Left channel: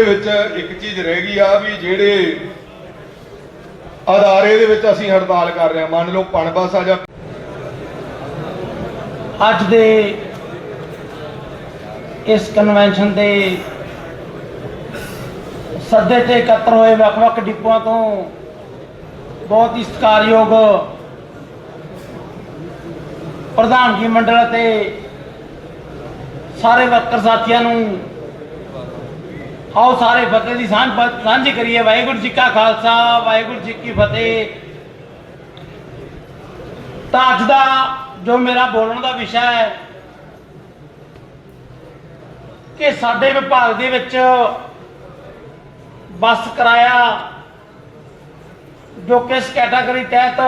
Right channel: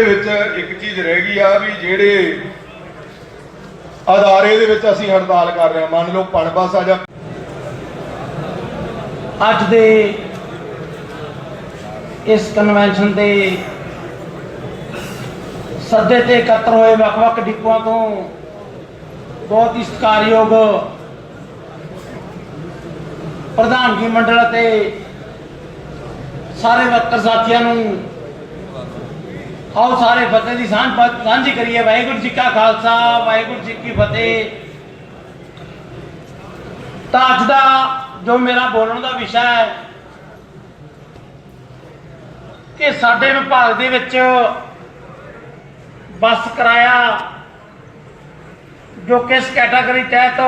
ਦੇ ਵਿੱਚ ਇੱਕ ਚੀਜ਼ ਰਹਿ ਗਈ ਆ ਵੀ ਜਿਹੜੇ ਅਦਾਰੇ ਦੇ ਵਿੱਚ ਅਸੀਂ ਹੜਤਾਲ ਕਰ ਰਹੇ ਹਾਂ। ਮੰਨ ਲਓ ਪਣਬਸ ਆ ਜਾਂ ਅੱਜ ਦੇ ਇਸ ਕਨਵੈਨਸ਼ਨ ਦੇ ਸੱਦੇ ਤੇ ਇਕੱਤਰ ਹੋਏ ਵੱਖ-ਵੱਖ ਡਿਪੂਆਂ ਤੋਂ ਬਹੁਤ ਹੀ ਸਤਿਕਾਰਯੋਗ ਪ੍ਰਧਾਨਗੀ ਮੰਡਲ ਅਤੇ ਸਾਰੇ ਵਰਕਰ ਸਾਥੀਆਂ ਨੂੰ ਆਓ ਸਾਰੇ ਫਤਿਹ ਦੀ ਸਾਂਝ ਸਾਂਝੀ ਕਰੀਏ। ਵਾਹਿਗੁਰੂ ਜੀ ਕਾ ਖਾਲਸਾ, ਵਾਹਿਗੁਰੂ ਜੀ ਕੀ ਫਤਿਹ। ਤਾਂ ਅੱਜ ਦਾ ਜੋ ਮੇਰਾ ਬੋਲਣ ਦਾ ਵਿਸ਼ਾ ਹੈ ਕਿ ਸਾਡੇ ਵਿਭਾਗ ਦੇ ਵਿੱਚ ਬੱਸ ਕਿਰਾਇਆ ਜੋ ਕਿਸ ਕੈਟਾਗਰੀ ਤਹਿਤ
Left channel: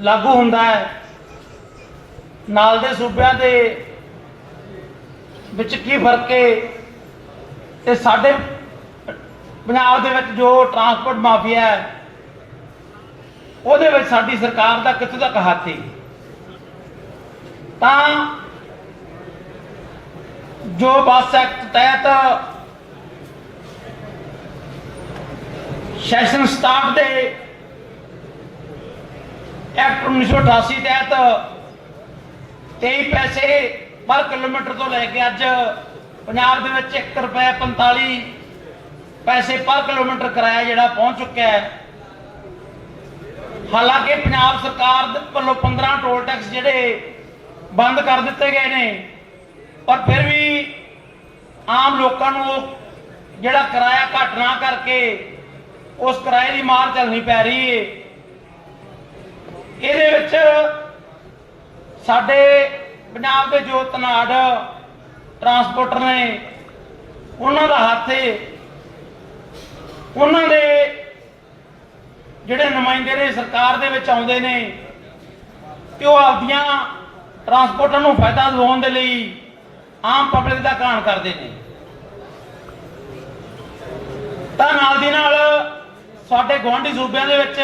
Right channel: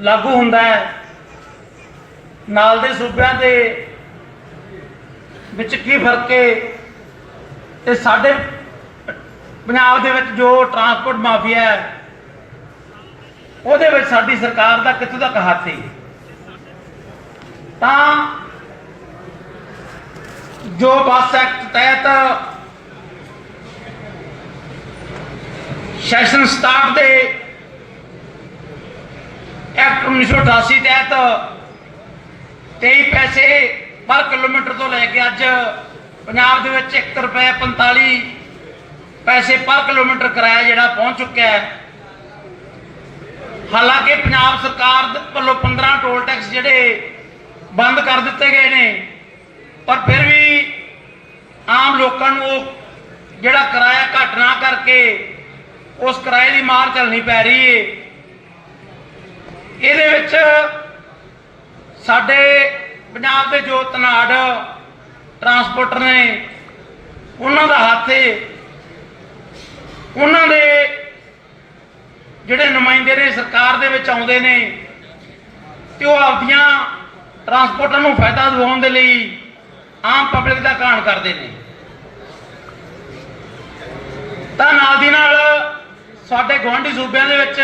ਲਾਗੂ ਹੁੰਦਾ ਹੈ, ਨਾਲ ਦੇ ਸੂਬਿਆਂ ਦੇ ਵਿੱਚ ਕੀ ਫ਼ਰਕ ਹੈ ਤੇ ਸਾਡੇ ਪੰਜਾਬ ਦੇ ਵਿੱਚ ਜੋ ਟਰਾਂਸਪੋਰਟ ਮਾਫੀਆ ਹੈ, ਉਹਦੇ ਵਿੱਚ ਸਾਡੀ ਸਰਕਾਰ ਦਾ ਕਿੱਥੋਂ ਤੱਕ ਹੱਥ ਹੈ ਤਾਂ ਜੋ ਬੱਸ ਐਕਟ ਤਹਿਤ ਸੈਸ਼ਨ ਸਟਾਰਟ ਦੇ ਐਕਟ 1988 ਤਹਿਤ 23 ਪੈਸੇ ਪਰ ਕਿਲੋਮੀਟਰ ਤੋਂ ਲੈ ਕੇ ਅੱਜ ਪੰਜਾਬ ਦੇ ਵਿੱਚ 1 ਰੁਪਏ 45 ਪੈਸੇ ਪਰ ਕਿਲੋਮੀਟਰ ਕਿਰਾਇਆ ਜਿਹੜਾ ਪਹੁੰਚ ਚੁੱਕਿਆ ਹੈ। ਹਾਲਾਂਕਿ ਪੰਜਾਬ ਸਰਕਾਰ ਵੱਲੋਂ 15 ਟੋਲ ਟੈਕਸ ਜਿਹੜੇ ਬੰਦ ਕਰ ਦਿੱਤੇ ਗਏ ਨੇ, ਪਰ ਫਿਰ ਵੀ ਆਮ ਲੋਕਾਂ ਨੂੰ ਉਹ ਜਿਹੜਾ ਕਿਰਾਇਆ ਘੱਟ ਨਾ ਕਰਕੇ ਉਸ ਕਿਰਾਏ ਦੀ ਮਾਰ ਚੱਲਣੀ ਪੈ ਰਹੀ ਏ। ਇਹਦੇ ਵਿੱਚ ਸਾਡੇ ਪੰਜਾਬ ਦੇ ਜੋ ਤਨਾੜ ਟਰਾਂਸਪੋਰਟਰ ਨੇ, ਉਹਨਾਂ ਦਾ ਹੱਥ ਉਹਨਾਂ ਦੇ ਜਿਹੜੇ ਨੁਮਾਇੰਦੇ ਨੇ, ਸਰਕਾਰ ਦੇ ਵਿੱਚ ਆਉਂਦੇ ਨੇ, ਤੇ ਉਹ ਆਪਦੀਆਂ ਟਰਾਂਸਪੋਰਟਰ ਨੂੰ ਫਾਇਦਾ ਦਿਵਾਉਣ ਦੇ ਲਈ ਆਮ ਪਬਲਿਕ ਦਾ ਘਾਣ ਕਰਦੇ ਨੇ। ਤਾਂ ਨਾਲ ਦੀ ਨਾਲ ਸਾਡੇ ਗੁਆਂਢੀ ਸੂਬਿਆਂ ਦੇ ਵਿੱਚ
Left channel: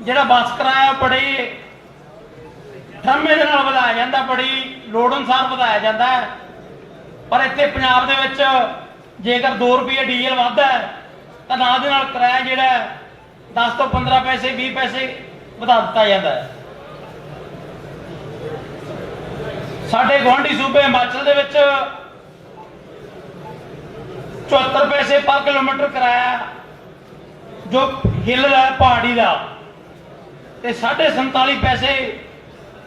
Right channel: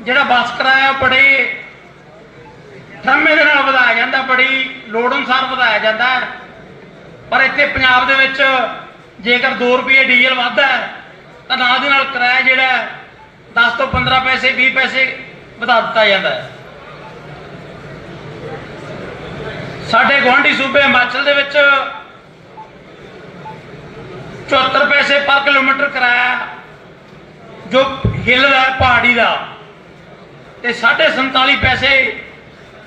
ਜਿਹੜਾ ਬੱਸ ਕਿਰਾਇਆ ਉਹ ਬੜੇ ਠਰਮੇ ਦੇ ਨਾਲ ਵਧਾਇਆ ਜਾਂਦਾ, ਬੜੀ ਲੋੜ ਅਨੁਸਾਰ ਵਧਾਇਆ ਜਾਂਦਾ ਹੈ। ਪਰ ਇੱਥੇ ਪੰਜਾਬ ਦੇ ਵਿੱਚ ਜੇਕਰ 2 ਰੁਪਏ ਡੀਜ਼ਲ ਵੱਧਦਾ ਹੈ, ਤਾਂ ਨਾਲ ਦੇ ਨਾਲ ਕਿਰਾਇਆ ਜਿਹੜਾ ਹੈ 10 ਤੋਂ 15 ਪੈਸੇ 20 ਪੈਸੇ ਵਧਾ ਦਿੱਤਾ ਜਾਂਦਾ ਹੈ। ਸਾਡੇ ਗੁਆਂਢੀ ਸੂਬੇ ਹਿਮਾਚਲ ਦੇ ਵਿੱਚ 74 ਪੈਸੇ ਪਰ ਕਿਲੋਮੀਟਰ ਕਿਰਾਇਆ ਜੋ ਹਿੱਲ ਦਾ ਪਹਾੜੀ ਦਾ, ਤੇ 47 ਪੈਸੇ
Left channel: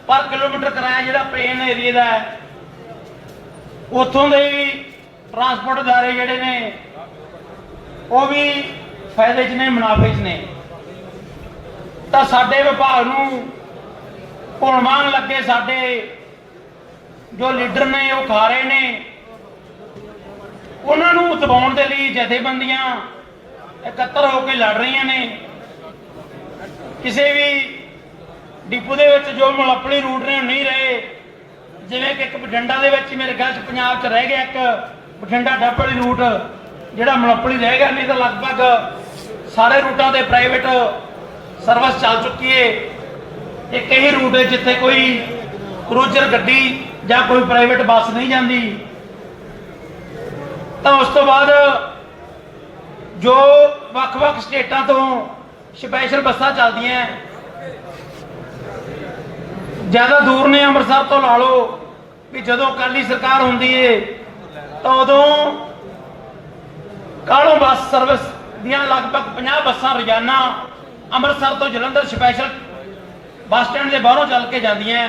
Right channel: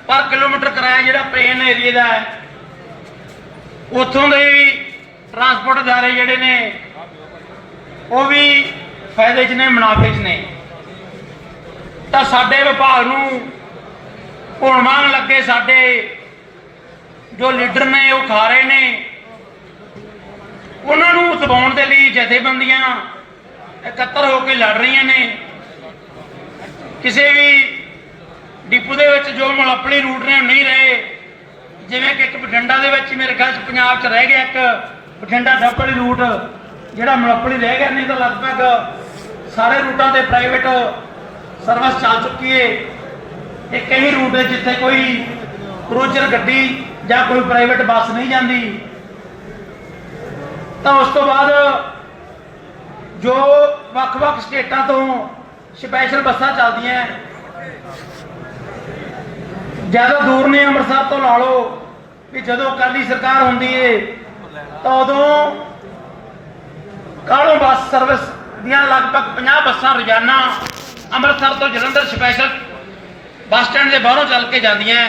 ਪਰ ਕਿਲੋਮੀਟਰ ਕਿਰਾਇਆ ਜਿਹੜਾ ਪਲੇਨ ਏਰੀਆ ਦਾ ਹੈ ਉੱਥੋਂ ਦੇ ਵੀ ਟਰਾਂਸਪੋਰਟ ਅਦਾਰੇ ਜਿਹੜੇ ਨੇ, ਉਹ ਵੀ ਫਾਇਦੇ 'ਚ ਨੇ, ਮੁਨਾਫੇ 'ਚ ਨੇ। ਤਾਂ ਸਾਡੇ ਵਿਭਾਗ ਨੂੰ ਹੁਣ ਮੰਨ ਲੱਗੇ ਸਾਡੇ ਜੋ ਲੀਡਰ ਨੇ, ਉਹ ਖਾ ਰਹੇ ਨੇ। ਉਹਨਾਂ ਨੂੰ ਦਬਾਉਣ ਦੇ ਲਈ ਜਥੇਬੰਦੀਆਂ ਇਕੱਤਰ ਹੋ ਕੇ ਲੜ ਰਹੀਆਂ ਨੇ। ਕਿਸੇ ਵੀ ਡਿਪੂ ਦੇ ਵਿੱਚ ਜੋ ਮੁਲੱਪੜੀ ਰੂਟ ਨੇ, ਉਹ ਨਹੀਂ ਰਹੇ। ਜਿਵੇਂ ਕਿ ਇੱਕ ਬਠਿੰਡਾ ਦੇ ਵਿੱਚ ਮੇਰੇ ਖਿਆਲ ਚ ਪੰਜਾਬ ਚ ਰਹਿ ਗਿਆ ਇੱਕ ਬਠਿੰਡਾ ਡੱਬਲ ਰੂਟ, ਜਿਹੜਾ ਮੁਲੱਪੜੀ ਰਹਿ ਗਿਆ, ਨਹੀਂ ਤਾਂ ਲਗਭਗ ਸਾਰੇ ਰੂਟਾਂ ਤੇ ਪ੍ਰਾਈਵੇਟ ਸਰਵਿਸ ਚੱਲ ਚੁੱਕੀ ਏ। ਤੇ ਕਈ ਰੂਟ ਹੈ ਜਿੱਥੇ ਕੋਈ ਕਰੂਜ਼ਰ ਗੱਡੀ ਜਾਂ ਕੋਈ ਪ੍ਰਾਈਵੇਟ ਬੱਸ ਨਹੀਂ ਜਾਂਦੀ। ਤਾਂ ਉਸ ਤੋਂ ਬਾਅਦ ਜੋ ਵੱਖ-ਵੱਖ ਸਟੇਟਾਂ ਤੋਂ ਸਪੈਸ਼ਲ ਬੱਸਾਂ ਚੱਲਦੀਆਂ। ਜ਼ਿਆਦਾ ਦੂਰ ਨੇ ਅੰਮ੍ਰਿਤਸਰ ਤੋਂ ਲਾ ਲਓ। ਵੀ ਜਦੋਂ ਅਕਾਲੀ ਸਰਕਾਰ ਹੁੰਦੀ ਏ, ਤਾਂ ਉਦੋਂ ਕਾਲੋ ਬੱਸ ਸਰਵਿਸ ਦੀਆਂ ਲਗਭਗ 50 ਬੱਸਾਂ ਰੋਜ਼ਾਨਾ ਅੰਮ੍ਰਿਤਸਰ ਤੋਂ ਜਲੰਧਰ ਸਪੈਸ਼ਲ ਬੱਸ ਸਟੈਂਡ ਦੇ ਬਾਹਰੋਂ ਚੱਲ ਕੇ ਜਾਂਦੀਆਂ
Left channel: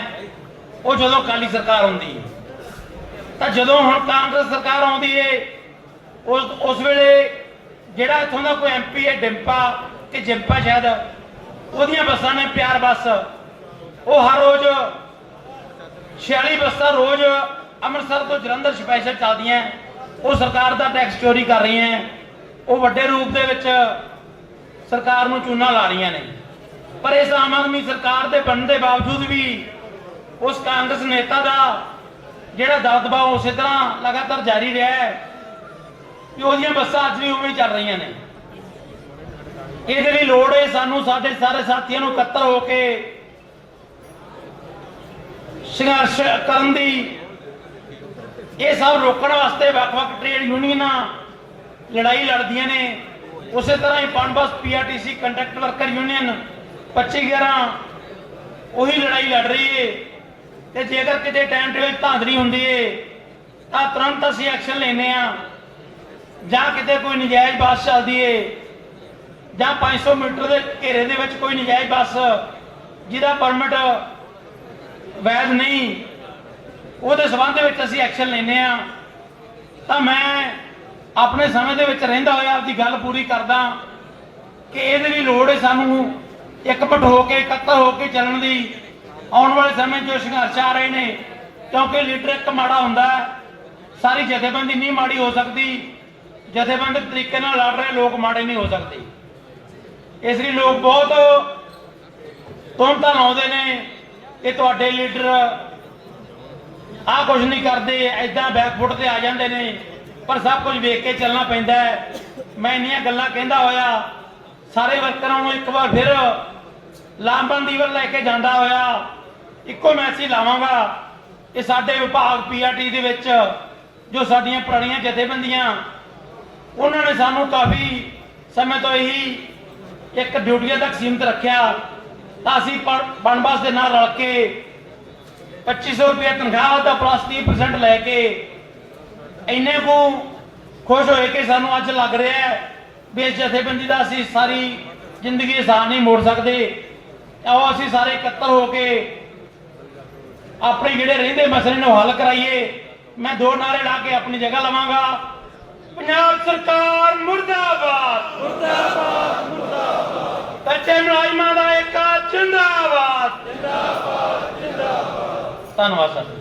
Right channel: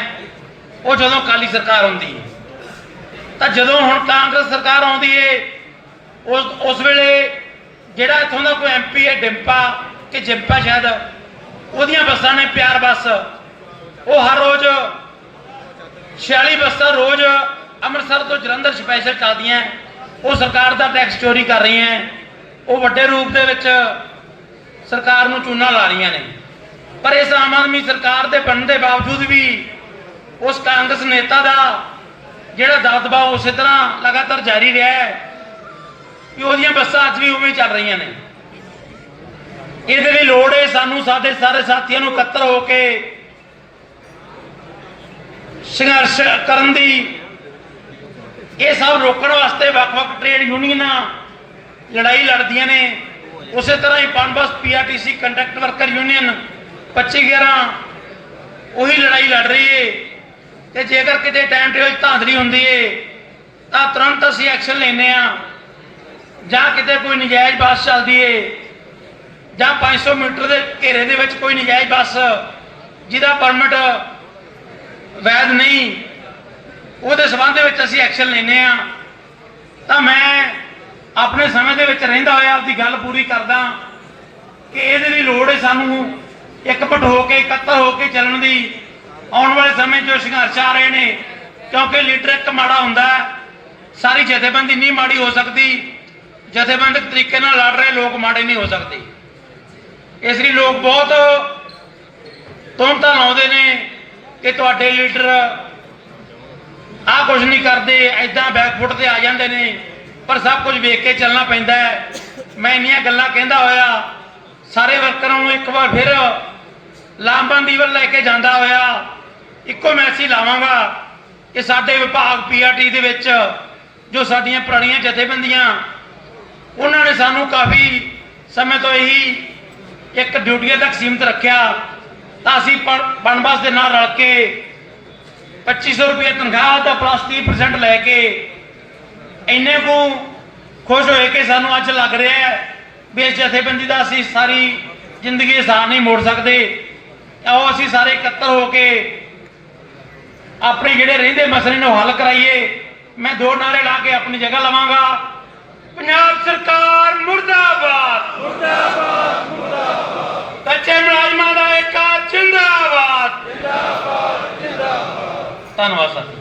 ਉਹ ਜਦੋਂ ਅਕਾਲੀ ਸਰਕਾਰ ਹੁੰਦੀ ਏ। ਤਾਂ ਜਦੋਂ ਹੁਣ ਕਾਂਗਰਸ ਸਰਕਾਰ ਆਉਂਦੀ ਏ, ਉਸ ਉਸ ਵੇਲੇ ਜਿਹੜਾ ਇੱਥੋਂ ਦਾ ਕੋਈ ਐਮਪੀ ਹੈ ਡਿੰਪਾ ਕਿ ਜਿੰਪਾ ਸ਼ਾਇਦ, ਉਹਦੀਆਂ ਬੱਸਾਂ ਨੇ ਪਿਆਰ ਬੱਸ, ਉਹ ਹਰ ਰੋਜ਼ 46 ਬੱਸਾਂ ਰੋਜ਼ ਅੰਮ੍ਰਿਤਸਰ ਤੋਂ ਜਲੰਧਰ ਸਪੈਸ਼ਲ ਚੱਲਦੀਆਂ ਉਹ ਸਰਕਾਰ ਦਾ ਟੈਕਸ ਚੋਰੀ ਕਰ ਰਹੀਆਂ ਉਹ ਵੱਡੇ ਰੂਪ ਦੇ ਵਿੱਚ ਸਰਕਾਰ ਨੂੰ ਚੂਨਾ ਲਾ ਰਹੀਆਂ ਨੇ। ਪਰ ਇਸ ਆਮ ਆਦਮੀ ਸਰਕਾਰ ਦੇ ਬਣਨ ਦੇ ਬਾਵਜੂਦ ਵੀ ਉਸ ਕਾਂਗਰਸ ਨੇਤਾ ਦਾ ਜਿਹੜਾ ਦਬਦਬਾ ਉਸੇ ਤਰ੍ਹਾਂ ਲਗਾਤਾਰ ਜਾਰੀ ਰਿਹਾ ਹੈ ਕਿ ਉਹਦੀਆਂ ਬੱਸਾਂ ਅੱਜ ਵੀ ਉਵੇਂ ਚੱਲ ਰਹੀਆਂ ਨੇ। ਇਹਦੇ ਲਈ ਲੋੜ ਹੈ ਸਾਨੂੰ ਸਾਡੇ ਸਾਰੇ ਸਾਥੀਆਂ ਨੂੰ ਇਕੱਤਰ ਹੋ ਕੇ ਸੰਘਰਸ਼ ਕਰਨ ਦੀ। ਇਹ ਸਭ ਰੋਕਣ ਵਾਸਤੇ ਵੱਖ-ਵੱਖ ਟ੍ਰੇਡ ਯੂਨੀਅਨਾਂ ਲੜਾਈ ਲੜਦੀਆਂ ਨੇ। ਉਸੇ ਤਰ੍ਹਾਂ ਹੀ Punbus PRTC contract worker union 2511 ਉਹੀ ਲੜਾਈ ਲੜ ਰਹੀ ਏ। ਤੇ ਜੇਕਰ ਕਿਤੇ ਟਾਈਮ ਟੇਬਲ ਧਾਂਦਲੀ ਹੁੰਦੀ ਏ, ਤਾਂ ਤੁਰੰਤ ਅਸੀਂ ਐਕਸ਼ਨ ਲੈਨੇ ਆ। ਜਾਂ ਕਿਤੇ ਕੋਈ ਨਜਾਇਜ਼ ਬੱਸ ਚੱਲਦੀ ਏ, ਜਾਂ 500 ਮੀਟਰ ਦੇ ਘੇਰੇ ਦੇ ਵਿੱਚ ਕੋਈ ਨਜਾਇਜ਼ ਬੱਸ, ਜਿਹਦਾ ਪਰਮਿਟ ਵੈਧ ਨਹੀਂ। ਉਹਦੇ ਸਬੰਧ ਵਿੱਚ ਅਸੀਂ ਐਕਸ਼ਨ ਲੈਨੇ ਆ ਤਾਂ ਮੈਂ ਆਪਣੇ ਸਮੇਂ ਦੇ ਵਿੱਚ ਰਹਿੰਦਾ ਹੋਇਆ ਆਪਦੀ ਗੱਲ ਪੂਰੀ ਕਰਦਾ ਕਿ ਇਹਦੇ ਲਈ ਲੋੜ ਹੈ ਸਾਨੂੰ ਇਕਮਟ ਹੋ ਕੇ ਇਕੱਤਰ ਹੋ ਕੇ ਚੱਲਣ ਦੀ। ਆਉਣ ਵਾਲੇ ਸਮੇਂ 'ਚ ਸੰਘਰਸ਼ ਆ ਰਹੇ ਨੇ, ਕਿਉਂਕਿ ਲੀਡਰ ਇੱਕ ਮਾੜਾ ਹੁੰਦਾ ਸਾਰੀ ਜਥੇਬੰਦੀ ਨਹੀਂ ਮਾੜੀ ਹੋ ਸਕਦੀ। ਜਥੇਬੰਦਕ ਤਰੀਕੇ ਨਾਲ ਲੜ ਰਹੇ ਲੋਕ ਮਾੜੇ ਨਹੀਂ ਹੋ ਸਕਦੇ। ਇਸ ਲਈ ਲੋਕ ਬਹੁਤ ਤੁਮਤਾਂ ਲਾਉਂਦੇ ਨੇ। ਕਿ ਤੁਹਾਡੇ ਲੀਡਰ ਆਹ ਕੁਝ ਨਹੀਂ ਕਰਦੇ ਐਦਾਂ ਬੈਕਫੁੱਟ ਤੇ ਆ ਜਾਂਦੇ ਨੇ, ਪਰ ਸਭ ਕੁਝ ਵੇਖ ਕੇ ਚੱਲਣਾ ਪੈਂਦਾ ਹੈ। ਮੈਂ ਇੰਨੀਆਂ ਗੱਲਾਂ ਕਹਿੰਦਾ ਹੋਇਆ, ਸਾਰੇ ਵਰਕਰਾਂ ਨੂੰ ਇੱਕ ਵਾਰ ਫਿਰ ਲਾਮਬੰਦੀ ਵੱਲ ਲੈ ਕੇ ਜਾਂਦਾ ਹੋਇਆ, ਇੱਕੋ ਮੈਸੇਜ ਲਾਵਾਂਗਾ। ਕਿ ਸਾਡੇ ਵਿਭਾਗ ਪੀਆਰਟੀ ਦੇ ਵਿੱਚ, ਜੋ ਸਾਡੀਆਂ ਪੁਰਾਣੀਆਂ ਜਥੇਬੰਦੀਆਂ, ਉਹਨਾਂ ਨੇ ਸਾਨੂੰ ਕਾਫੀ ਸਮੇਂ ਤੋਂ ਇਹੀ ਇੱਕ ਡਿਊਟੀਆਂ ਤੱਕ ਸੀਮਿਤ ਰੱਖਿਆ। ਤਾਂ ਅਸੀਂ ਬਣਬਾਸ ਦੇ ਨਾਲ ਰਲ ਕੇ 2500 ਰੁਪਏ ਤਨਖਾਹ ਦਾ ਪਲੱਸ 30% ਲੈ ਕੇ ਇੰਨੇ ਕੁ ਖੁਸ਼ ਹੋਏ ਕਿ ਸਾਨੂੰ ਅੱਜ ਲੱਗ ਰਿਹਾ ਹੈ ਵੀ ਇਸ ਜਥੇਬੰਦੀ ਦਾ ਅਸੀਂ ਸਾਰੀ ਜ਼ਿੰਦਗੀ ਆਸਾਨ ਨਹੀਂ ਮੋੜ ਸਕਦੇ। ਆਓ ਅਸੀਂ ਸਾਰੇ ਇਕੱਤਰ ਹੋ ਕੇ ਆਪਣੇ ਜਿਹੜੇ ਰਹਿੰਦੇ ਮਸਲੇ ਨੂੰ ਹੱਲ ਕਰਾਈਏ। ਮੈਂ ਦੋ ਨਾਰੇ ਲਾ ਕੇ ਆਪਣੀ ਜਗ੍ਹਾ ਲਵਾਂਗਾ। ਪੰਜਾਬ ਸਰਕਾਰ ਮੁਰਦਾਬਾਦ! వాస